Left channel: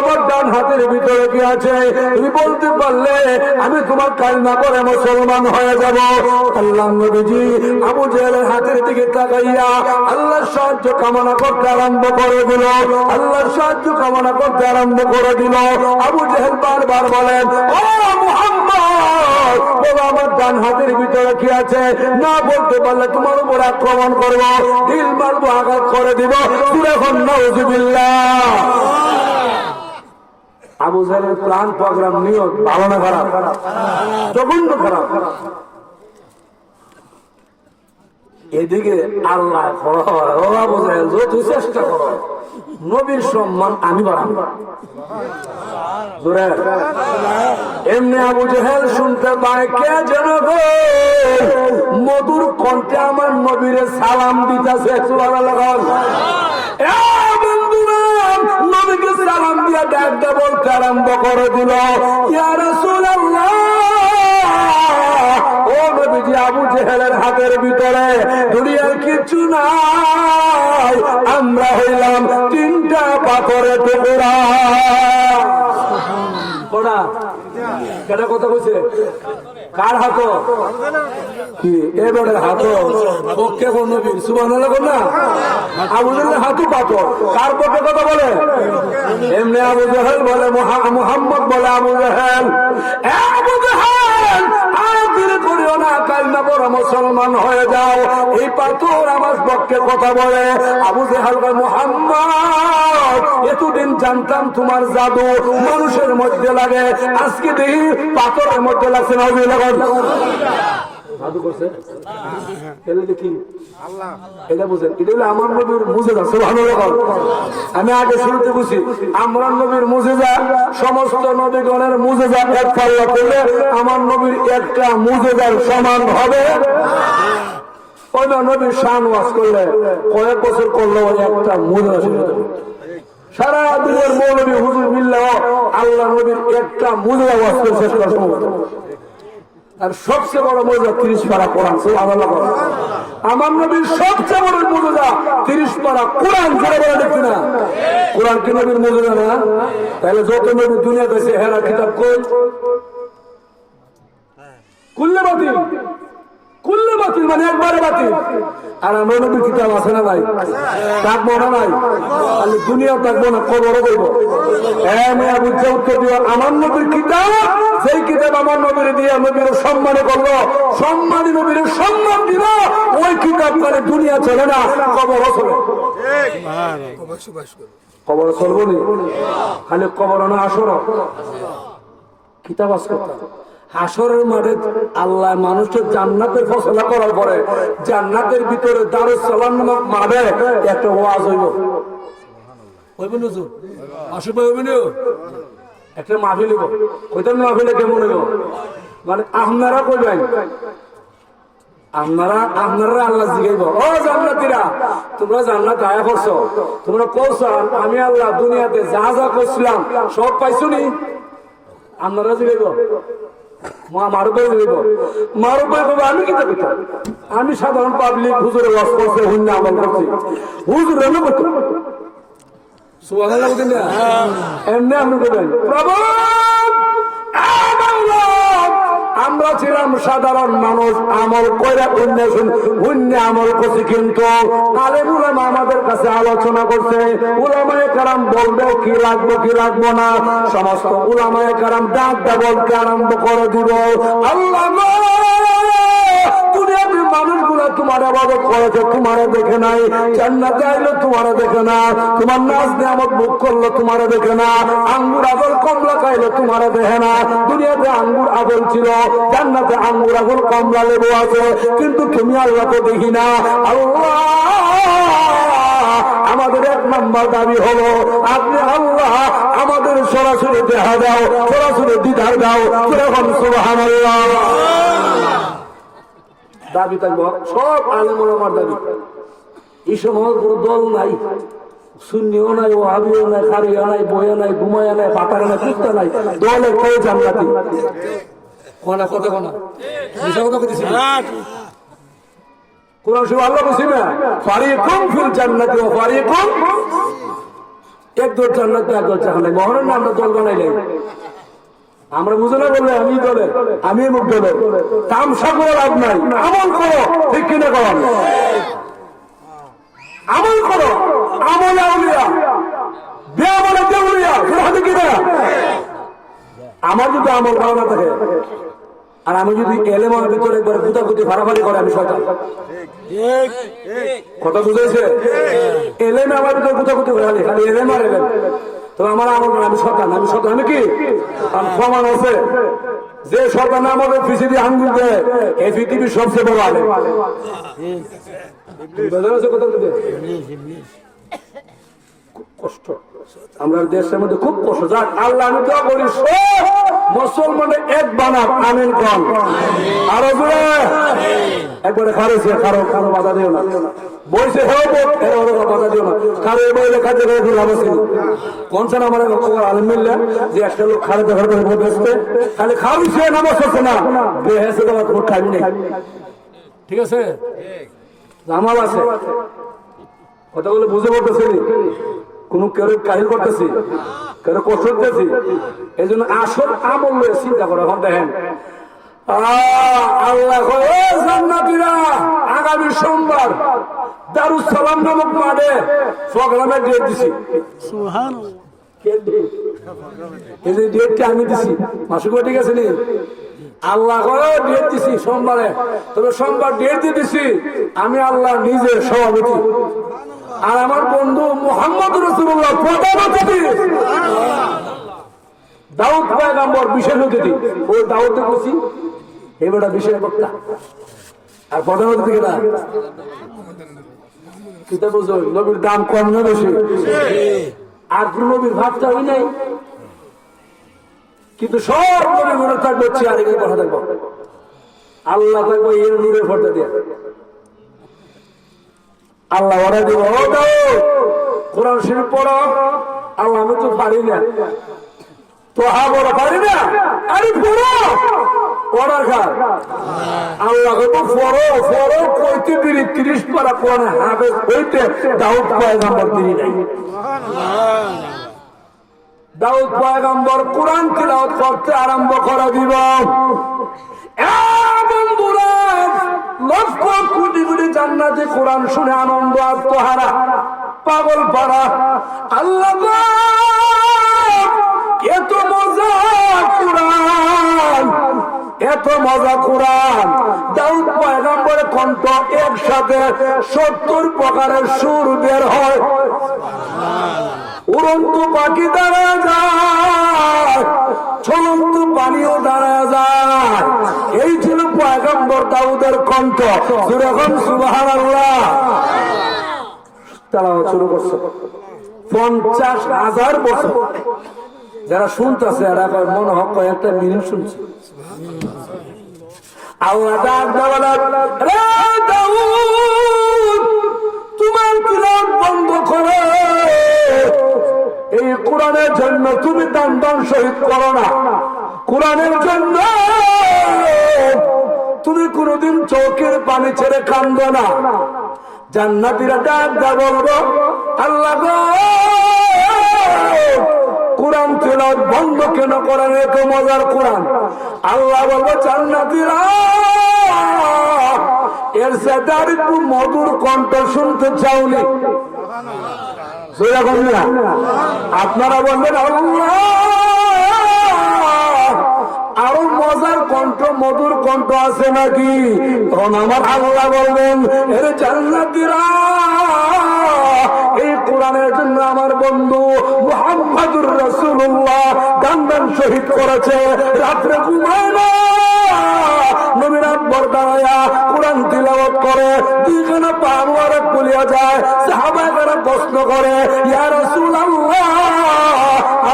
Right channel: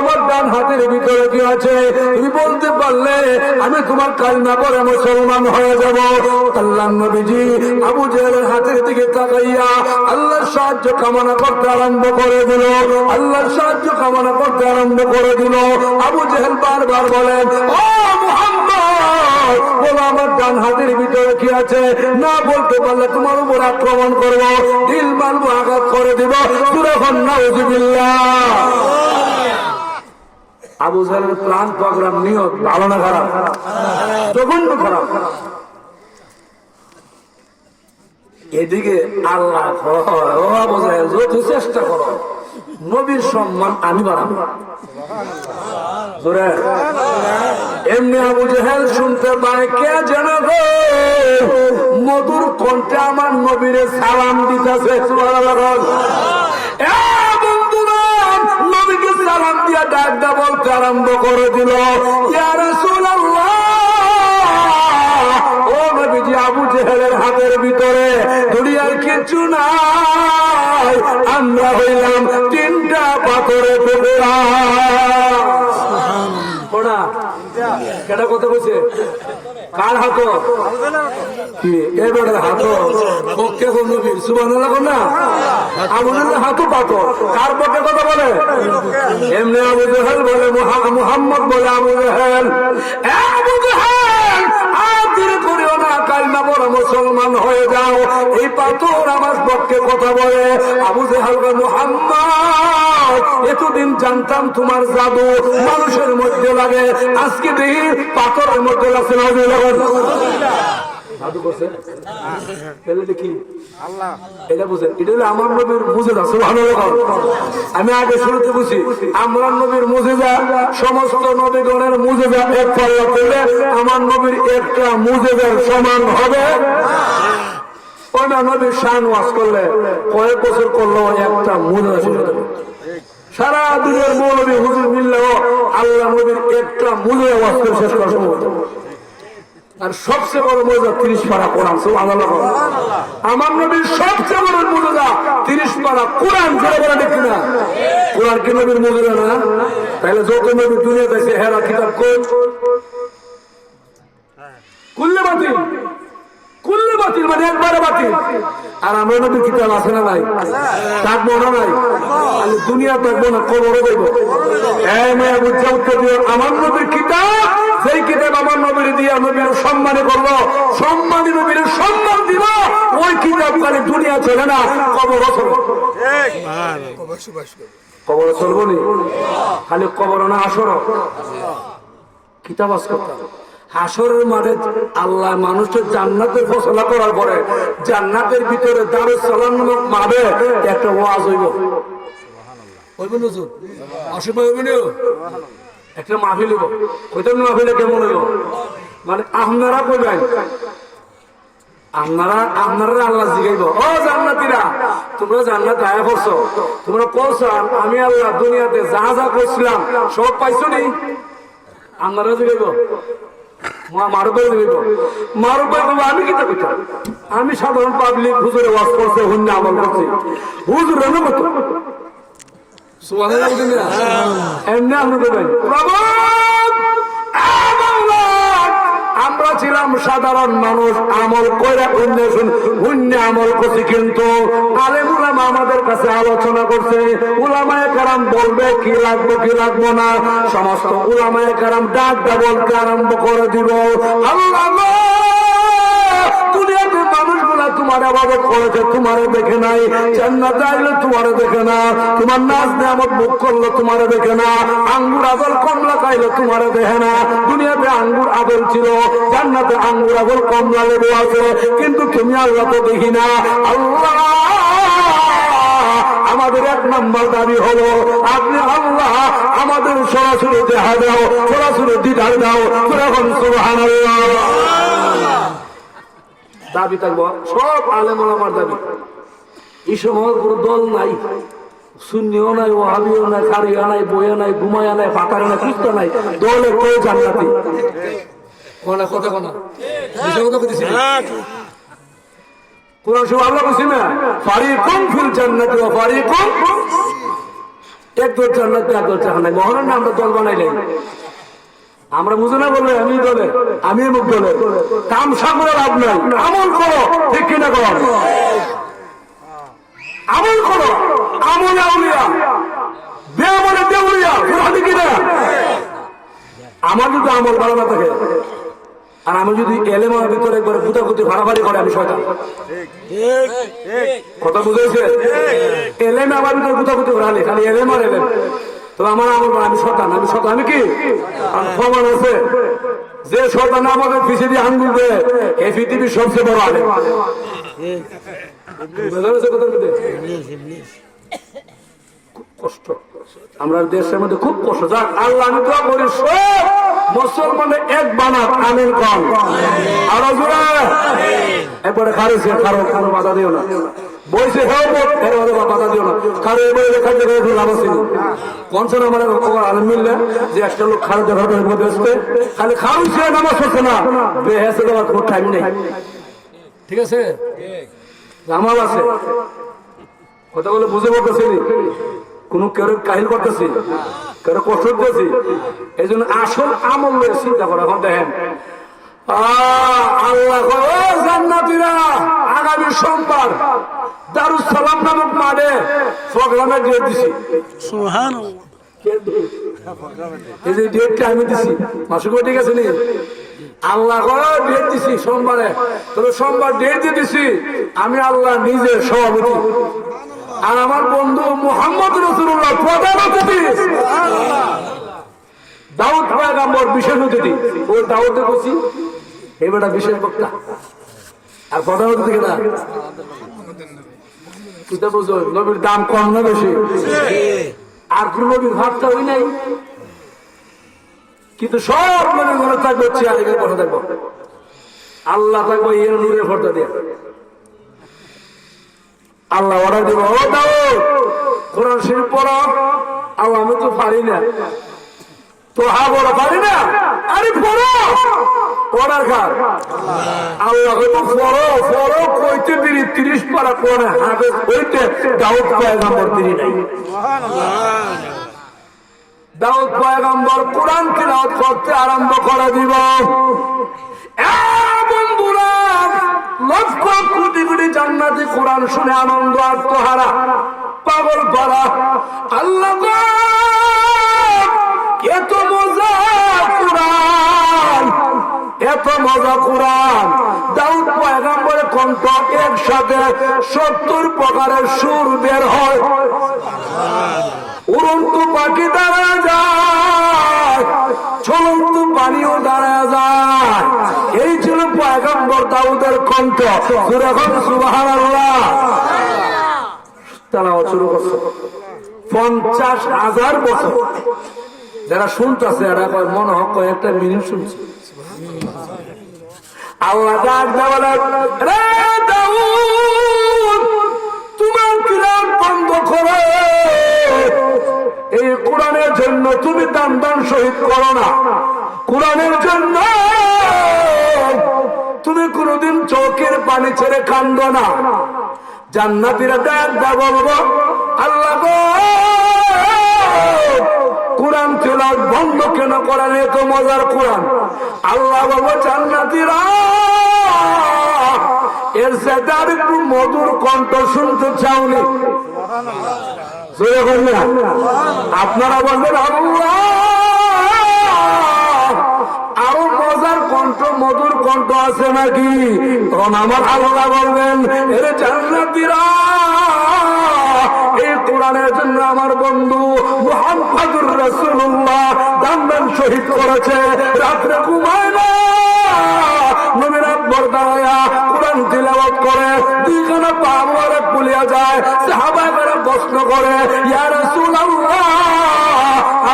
আমার ডান হাতের ভিতরে কি আছে তুমি বলতে পারলে আমি তোমার কালমা পড়ে মুসলমান হয়ে যাব। আল্লাহর নবীজি আবু জেহেলের হাতের দিকে তাকাইয়া আল্লাহর সাহায্য কামনা করতে আরম্ভ করে দিল। আল্লাহর সাহায্য কামনা করতে আরম্ভ করে দিল। আবু জেহেল বারবার বলেন, ও মুহাম্মদ, বলো আমার ডান হাতের ভিতরে কি আছে, না বলতে পারলে তোমার উপর আক্রমণ করবো, দিল মারবো, আঘাত করে দিব। নাউযুবিল্লাহ। আবু জেহেলের প্ল্যান প্রোগ্রাম নিয়ত ভালো না খারাপ? জঘন্য খারাপ। এদিকে আল্লাহ আবু জেহেল যত চেষ্টা করো নবীর সম্মান আমি বাড়াবো। এমনি আবু জেহেল শুনতে পায় কে যেন মধুর কণ্ঠে আমার নবীরে সালাম দিতেছে। নবীকে সালাম দিয়া ডাক দা বলতে আরম্ভ করে দিল, ইয়া রাসূলুল্লাহ, ও নবীজি আবু জেহেলের হাতের ভিতরে দুনিয়ায় কিছু নাই, আমরা হইলাম তিনটা পাথরের টুকরা। কেটা কথা বলছে? কার হাত? কি এবারের হাত? পক্ষে নবীর সুবহানাল্লাহ না? আমাদের হাতও পাথর। কার পক্ষে কথা বলে? এমনি আবু জেহেল বলে, মুহাম্মদ বলে আবু জেহেল, আবু জেহেল আদির করিও না, কালমা পড়ো মুসলমান হয়ে যাও। এই পাথর আমার পক্ষে কথা বলে। আবু জেহেল বলে, মুহাম্মদ, এতদিন জানতাম তোমার জাদু মানুষের মধ্যে লাগে, আজকে দেখি পাথরের মধ্যে লাগছে। জাদু করছে দেখি এটা বুঝেন, এটা হলো আমার নবীর মুজিজা। সুবহানাল্লাহ। আমি আগে শুরুতে বুঝি আমার নবীর মুজিজা সমস্ত নবীগণের মুজিজা এক পাল্লা করলে আমার নবীর একটা মুজিজার সমান হবে। ওই নবীর শান ওয়াজ করলে কয়েক বছর করলেও একটা মুজিজা শেষ হবে। সারা দুনিয়ার মৌলবী হুজুর মিললেও আল্লাহ নবীর একটা মুজিজা ওয়াজ করে শেষ করা সম্ভব। আর সবচেয়ে বড় মুজিজা 30 পারা কোরআন। সুবহানাল্লাহ। আমার নবীর সবচেয়ে বড় মুজিজা 30 পারা কোরআন। জোরে বলে দেখি না, কোরআন কি নবীর মুজিজা না? তাহলে যত নবী দুনিয়াতে আছে হেরা কিতাব কই? কুল্লে বাতিল, কুল্লে বাতিল, মানে একবারে বাতিল। আর আমার নবীর কিতাব আছে না নাই? থাকবো না নাই? তাহলে দুনিয়া থাকবো না, কবরও দেবো। আমার নবীর কিতাব, সেই কিতাব আমার নবীর দিয়া নবীর সম্মান করলো, সম্মানী নবীর সম্মান দিল, ওই কিতাব খালি দুনিয়া ছেলে না, কবরও চলবে। কবর চলবো নি? খালি কবর না, আসর কিতাব আছে। হাসরের মাঠে আল্লাহ মানুষের জান্নাতের ফসলা করার পরে জান্নাতের ভিতরে দারুস সালাম নামক মাঠে একটা ওয়াজ হইব। হইবেন হুজুর? অসুবিধা হইবেন? একটা মাহফিল হইব। কইতাম মাহফিলে কেমন হইব? মানে আপনারা কইবেন, আপনারা আল্লাহ জিগাইব, ও জান্নাতীরা, তোমরা জান্নাত আয়া করছো, তোমরা করছো, আমি আল্লাহ দুনিয়াতে যা যা করছিলাম সব পাইছো নি? আপনারা জিগাইব, আমি কি করতাম? আমি সাধারণ পাবলিক হুজুর ওয়াজ করছে, হুন্না আমল করছি, হুজুর অনুমত। এমনি আপনি দেবেন, আমরা ছিলাম সাধারণ মানুষ, আমল করে হুন্না আমল করছি, কিন্তু আলেম উলামা আমাদের কাছে আলোচনা করছে, উলামায়ে কেরাম বলবে কি লাগবো কি লাগবো না, সমস্ত উলামায়ে কেরাম ডাক বলতে আরম্ভ করে দিব। আল্লাহ মানুষগুলা তোমার আবাদত করেছে, তোমারে দেখে নাই, জান্নাতে আইলে তোমারে দেখে না, তোমার নাচ নেয়ামত মুখ করলে তোমারে দেখে না, আঙ্গুর আগল কমলা খাইলে তোমারে দেখে না। দুনিয়াতে আঙ্গুর আগল ছিল, জান্নাতে আঙ্গুর আগল কমলা লেবু আছে, কিন্তু তুমি আল্লাহকে দেখি না। আল্লাহ আমাদের এক নম্বর দাবি হলো, আপনি আল্লাহ আমাদের সরাসরি দেখা দাও, সরাসরি দিদার দাও। এখন সুবহানাল্লাহ দাবি থাকবো, সব আলেম ওলামার দাবি। এই সময় কোনো দল নাই, সুন্নিও নাই, ওয়াহাবিও নাই, কারিয়া নাই, বইয়া নাই, ঘুমায়া নাই, পাতারা নাই, কুস্তা নাই, দলের কেউ জান্নাতি। কোনা কথা কোনা বিষয় কথা বলতেছি, কোরআন শরীফ আল্লাহ বলছে না, ফারিকুম ফিল জান্নাতি ওয়া ফারিকুম। এক দল জান্নাত এক দল জাহান্নাম। মহরণ না আমরা দল বানাইলে আমরা বুঝে না বললে আমি দলে আমি মুখ দলে তামসা করে লাভ নাই। আমল করো, ঠিক কিনা করো, আমল করো, আমলে আউলিয়া বেআমলে বেউলিয়া, বুঝলি কিনা? আমার যদি আমল ভালো না থাকে আর আমি যদি এলেম আমার ভিতরে একবার গুতাগুতি ফাড়াফাড়ি করে আমি শয়তান। কথা বুঝেছে? এলেমে আমার ভিতরে গুতাগুতি ঘোরালে খালি এলেম আর এলেম, তো আমার আমল আমি শয়তান। আমি শয়তান, আমি কি প্রমাণ আছে যে শয়তান আমাদের পিছিয়ে দিয়ে আঙ্গুল দেয় এই পৃথিবীর সবচেয়ে বড় আলেম। কষ্ট আমরা দেশের মধ্যে খুব কষ্ট। যাক আল্লাহ আমি দোয়া করি সব মুসলমানে এক বানাক, আমিন কন। আরো জোরে একবারে খারুছে, কারো কোনো বাধা দিও না। বইছে বাধা দিও না, কারো এই বই লেখা দিয়ে লাভ আছে কনসেন আমার আলম মিললে যে একটা লোক খারাপ দেখার মধ্যে আসবে খালি খারুছে, নামাজ হচ্ছে না, বেহেসে দেওয়ার কোনো টাইম নেই। ঠিক আছে, আমার আছে কথা বলে বুঝে বলতেছি, কোন কেউ কাহিল করতেছি, কেউ কষ্ট করতেছি। এই জন্য আসল আমল নিয়ে চিন্তা করো। এখন দেখেন আল্লাহ জান্নাতীরা আগামী সোমবার দারুস সালাম নামক মাঠে প্রোগ্রামে ডেট দিছি। সুবহানাল্লাহ, এই যে ডেটটা আমি দিছি মাসুক ঠিক আছে নি? আল্লাহ ডেট দিছি সোমবারে, তবে সোমবার ডেট দিয়ে দিছি আমি আল্লাহ নিজে সভাপতি আর আমার বন্ধু মুহাম্মদ রাসূলুল্লাহ প্রধান অতিথি, দাউদ পয়গম্বর বিশেষ অতিথি। ওই দাউদে বসি এবারটা বিশেষ বক্তা আর প্রধান অতিথি কেনা কিতা বুঝো নবীর দাম কম না বেশি? আর কোন নবীর ভাবটা হই নাই, কিন্তু সব মনে থাকবে চেয়ারে কথা দেখবো আল্লাহ থাকবো এর নূরের ফর্দা দিয়ে আল্লাহ অর্ডার দিব, ও দাও কোরআন শরীফ পড়ো। আর আমি তো পারি না, তো বড় পারি না, আরে পড়ো অর্ডার খার। আল্লাহ কইতো পড়ো পড়ো কইতে দিলি 30 পারা পড়ে হাফেজ হইতে দাউদ পয়গম্বর দিলি নাই। দাউদ পয়গম্বর কোরআন তেলাওয়াত করতে আরম্ভ করে দিব, বন্ধুরা লক্ষ কোটি কোটি জান্নাতি কোরআন শুনে আনন্দ আত্মহারা পাগল পারা। আল্লাহ এত মজা কোরআন, এত মজা কোরআন। দাউদ পয়গম্বরের কণ্ঠ একসাথে 70 প্রকারের সুর বের হয়, উড়ন্ত পাখি দাঁড়া যায়, চলন্ত পানিও দাঁড়া যায়। এই ছিল পয়গম্বর দাউদের কণ্ঠ। যখন সুবহানাল্লাহ তেলাওয়াত শুরু করছে 50,000 বছর যারা শুনতেছে এরা মনে হয় কয়েকটা মিনিট শুনছে। আল্লাহ ডাক দেওয়া রে দাউদ তোমার কিরাত বন্ধ করো, এই কোরআনের জন্য তুমি দান দান শহীদ করো না, কোরআনের জন্য তুমি কোনদিন চোখের পানি ছেড়ে কান্দো না। জান্নাতীরা ডাক দা বলবো আল্লাহ গো কোরআন তেলাওয়াত বন্ধ কেন করেন, এত মজার কোরআন। আল্লাহ বলবো জান্নাতীরা এর সাথে আর একটু মধুর কণ্ঠ শুনতে চাওনি? আপনারা বলবেন আল্লাহ আরো মজার কণ্ঠ মধুর কণ্ঠ আছে নাকি? তখন আমার আল্লাহ বলবেন এর জান্নাতীরা এই কোরআনের জন্য আমার বন্ধু মুহাম্মদুর রাসূলুল্লাহ দান শহীদ করেছে, রাত্রে ঘুমায় না, নবীর আকবর দাঁড়ায়া কোরআন তিলাওয়াত করে, দুইজনে পা মোবারক খুলিয়া যায়। সাহাবায়ে প্রশ্ন করে ইয়া রাসূলুল্লাহ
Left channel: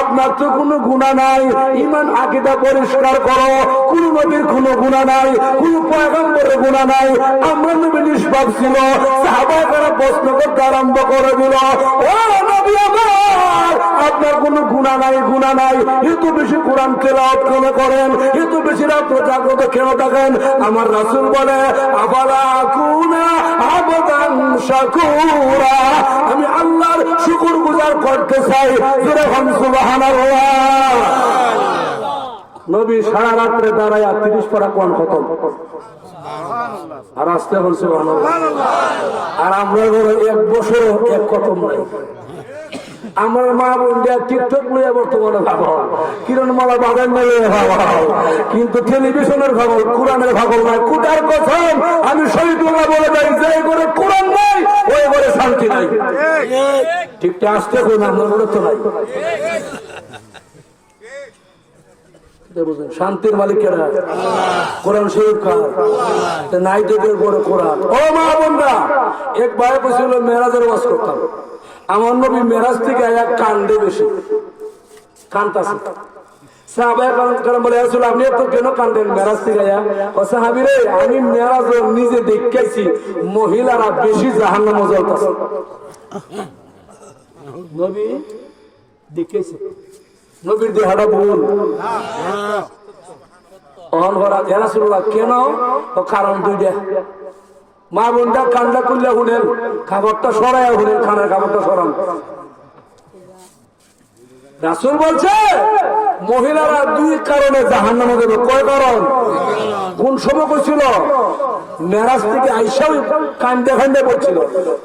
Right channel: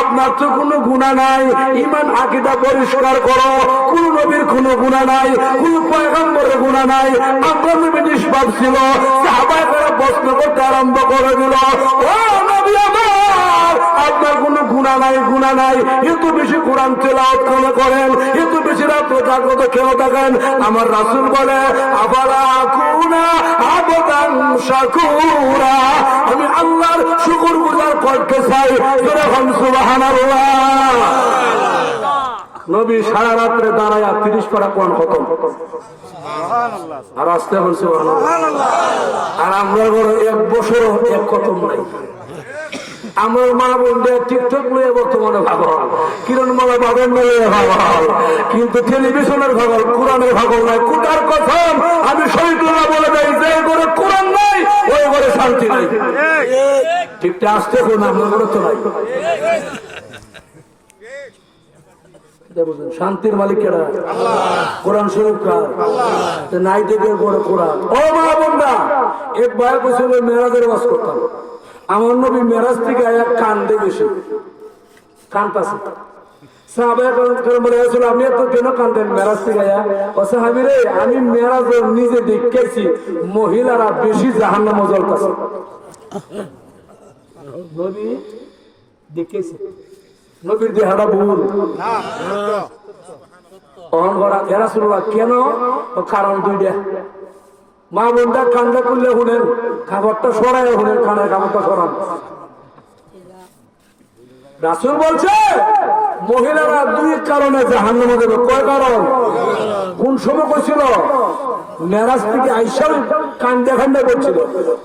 আপনার তো কোনো গুনাহ নাই, ঈমান আকীদা পরিষ্কার করো, কোন নবীর কোনো গুনাহ নাই, কোন পয়গম্বরের গুনাহ নাই, আমরা নবী নিষ্পাপ ছিল। সাহাবায়ে প্রশ্ন করতে আরম্ভ করে দিল, ও নবী আমার আপনার কোনো গুণা নাই, এত বেশি কোরআন তেলাওয়াত কেন করেন, এত বেশি রাত জাগ্রত কেন থাকেন? আমার রাসূল বলে আবালা কুনা আবদান শাকুরা, আমি আল্লাহর শুকরগুজার করতে চাই, যেরকম সুবহানাল্লাহ। নবী সারা রাত্রে দাঁড়ায় 30 পারা কোরআন খতম, আর আসতে বলছে সুবহানাল্লাহ। আর আমরা বড় 1 বছর 1 খতম নাই। আমার মা বোনরা টিকটক নিয়ে বর্তমানে ভাগল, কিরণ মালা বাগান নিয়ে ভাগল, কিন্তু টেলিভিশনের ভাগল, কোরআনের ভাগল নাই। কোটার কথা আমি শহীদুল্লাহ বলে যাই, যে ঘরে কোরআন নাই ওই ঘরে শান্তি নাই। ঠিকটা আসতে হবে না, আমার ঘরে তো নাই। শান্তির মালিক কেনা কোরআন শরীফ নাই, তোদের বড় কোরআন। ও মা বোনরা, এক ভাই বলছিল মেরাজের ওয়াজ করতাম, আমার নবী মেরাজ থেকে আয়া কান্দে বেশি, কান্দাছে। আপনি তো কেন কান্দেন মেরাজ থেকে আয়া? সাহাবী রে, আমি মেরাজ নিজে দেখেছি মহিলারা বেশি জাহান্নামে জ্বলতেছে। নবী দেখেছি, নবীর দেহটা ভুল অহংকার। কেন? কারণ 2টা। মা বোনটা কান্দা করলে শুনেন, খাবারটা সরায় শুনেন, খানার খাবারটা সরান। রাসূল বলছে মহিলারা 2 কারণে জাহান্নামে যাবে। কয় কারণ? কোন সময় করছিল? মেরাজ থেকে আইসা কান্দে কান্দে বলছিল।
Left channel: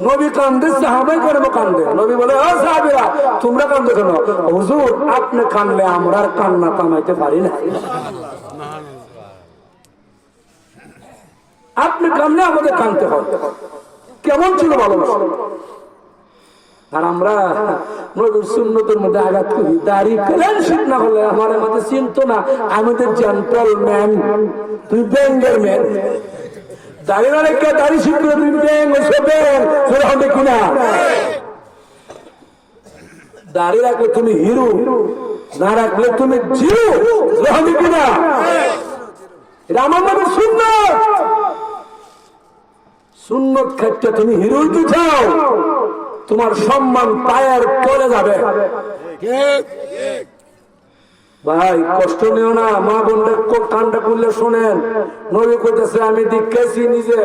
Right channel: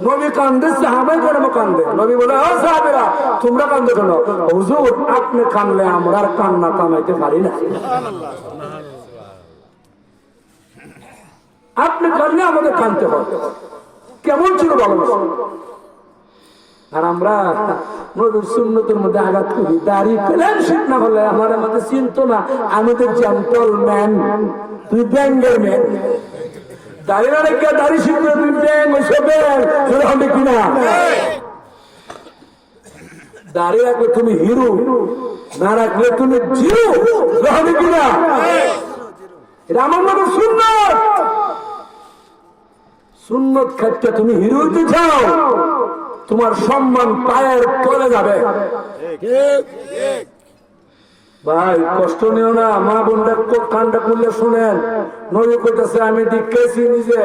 নবী কান্দে, সাহাবাই কেন কান্দে? নবী বলে ও সাহাবীরা, তোমরা কান্দে কেন? হুজুর, আপনি কান্দলে আমরা কান্না কামাইতে পারি না, আপনি কান্দলে আমাদের কান্দতে হয়। কেমন ছিল ভালোবাসা? আর আমরা নবীর সুন্নতের মধ্যে আঘাত করি। দাড়ি পেলেন শীত না হলে আমার মধ্যে চিন্ত না, আমাদের জেন্টল ম্যান, তুই ব্যাঙ্গের ম্যান। দাঁড়িয়ে রাখলে দাড়ি শিখলে তুই ব্যাঙ্গ সেরকম দেখি না। দাঁড়িয়ে রাখলে তুমি হিরো, না রাখলে তুমি জিরো, সেরকম দেখি না। এটা আমার মধ্যে সুন্নত। সুন্নত ক্ষেত্রে তুমি হিরো কি চাও, তোমার সম্মান পায়ের তলে যাবে। ভাই কষ্ট নিও না, মা বোনটা কান্ডা করলে শোনেন। নবী কইতেছে আমি দেখেছি নিজে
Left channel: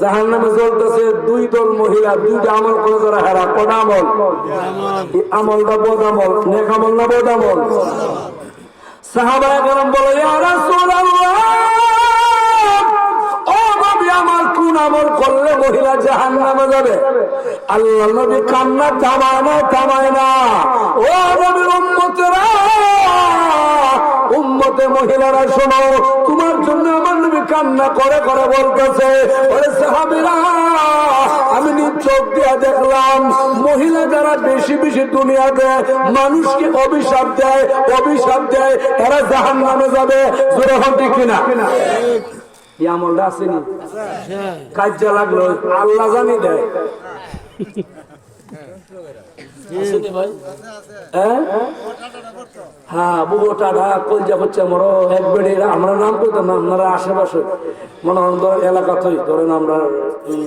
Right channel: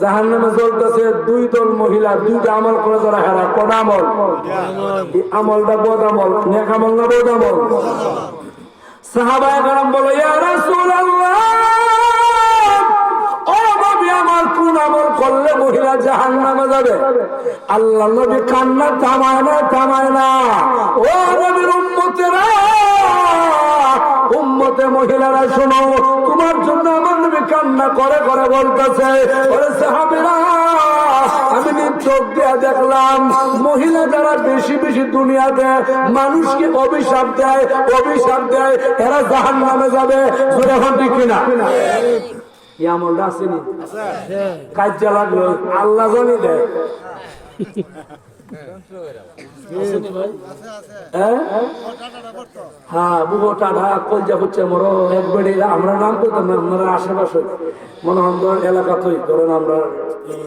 জাহান্নামে জ্বলতেছে 2 দল মহিলা, 2টা আমল করে যারা হারা। কোন আমল? আমলটা বদ আমল, নেক আমল না বদ আমল? সাহাবায়ে কেরাম বলে ইয়া রাসূলুল্লাহ, আমার কোন আমল করলে মহিলা জাহান্নামে যাবে? আল্লাহ নবী কান্না থামায় না। ও নবীর উম্মতেরা, উম্মতে মহিলারা শোনো, তোমার জন্য আমার নবী কান্না করে করে বলতেছে, ওরে সাহাবীরা, আমি চোখ দিয়ে দেখলাম মহিলা যারা বেশি বেশি দুনিয়াতে মানুষকে অভিশাপ দেয়, এরা জাহান্নামে যাবে। জোরে হন ঠিক কিনা? আমলটা আসেনি, কাজে লাগলো, আল্লাহ জানি দেয়। হ্যাঁ, বুবো টাটা কলজা হচ্ছে মরো একবারে। আমরা নাম করতাম না, আপনারা আশেপাশে মনে হয় এলাকা তৈরি করেন। আমরা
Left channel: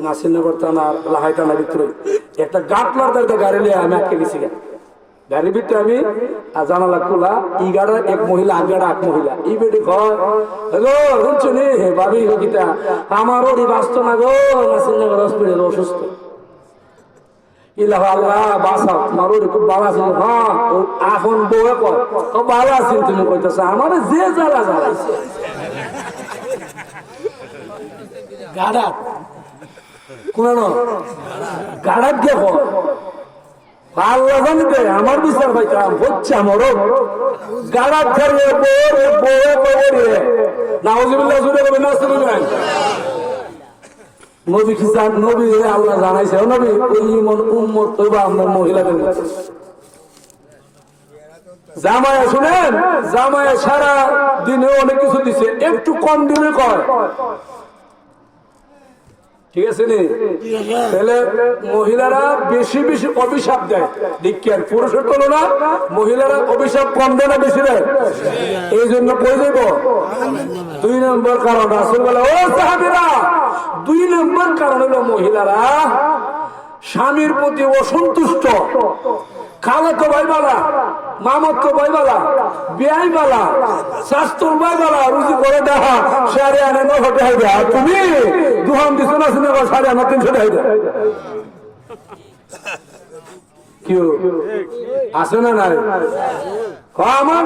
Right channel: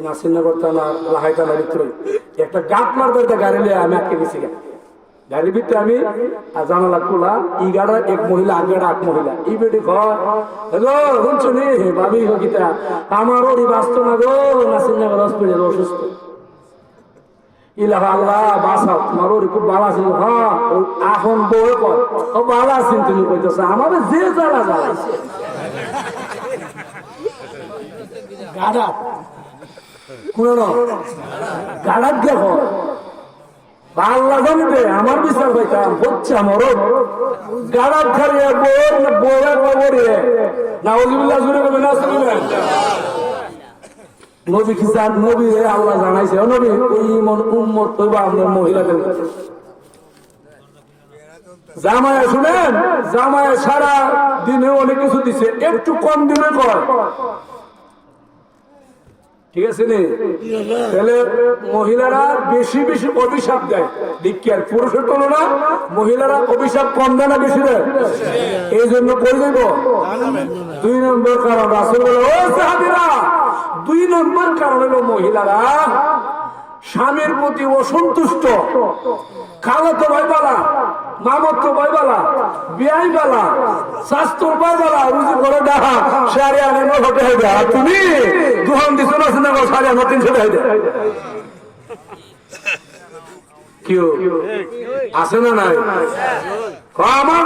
নাসিরনগর থানার লাহাই থানার ভিতরে একটা গাট মারতে গাড়ি নিয়ে আমি আটকে গেছি। গাড়ির ভিতরে আমি জানালা খোলা, ই গাড়া এক মহিলা, আগের এক মহিলা, ই বেটি ঘর শুনছো নি ভাবি গীতা আমার ওরই বাঁচত না গো, নাসিরনগর হসপিটাল অসুস্থ। ইলা আল্লাহ বাঁচাও, তোমার ওরই খুব ভালো আছে। হ্যাঁ, এখন বউ কয় ও ভালো আছেন, তুমি কইতেছ আমার যে জ্বালা জ্বালাইছে গাড়াত কোন গাড়াত দেখো। আল্লাহ জানতে আমার বিচার পাইতাম হচ্ছে আমার গাড়াত ছাড়িয়ে বয়ে পড়ে নাউজুবিল্লাহ শুনে নেবেন। নবী খিসান নবী আল্লাহ জানাইছে, নবী ওই উম্মত তওবা আপনার মহিলাদের কাছে জামায় শুনেন, জামায় সারা দিনে অনেক কিছু দিছে, একটু কম দিনে কর, ঠিক আছে নি? তাহলে মহিলারা বেশি বেশি অভিশাপ দেয়, দীক্ষার পুরুষের তুলনা মহিলারা অভিশাপ কম দেয় না বেশি দেয়। এই জন্য কই যাব 2 নম্বর কারণ রাসূল বলে, ও সাহাবীরা 2 নম্বর কারণ হলো মহিলারা স্বামীর প্রতি অসন্তুষ্ট, খালাতো ভাই বালা, মামাতো ভাই বালা, বিয়াই বালা, শাস্ত্র ভাই বালা, রুজি করে দেখা সাড়ে আনে 900 টাকা দেয়। তুমি দুহান দিছো না শুনে সাড়ে আমার 300 টাকা দেয়। কেউ আছে না নাই? আমার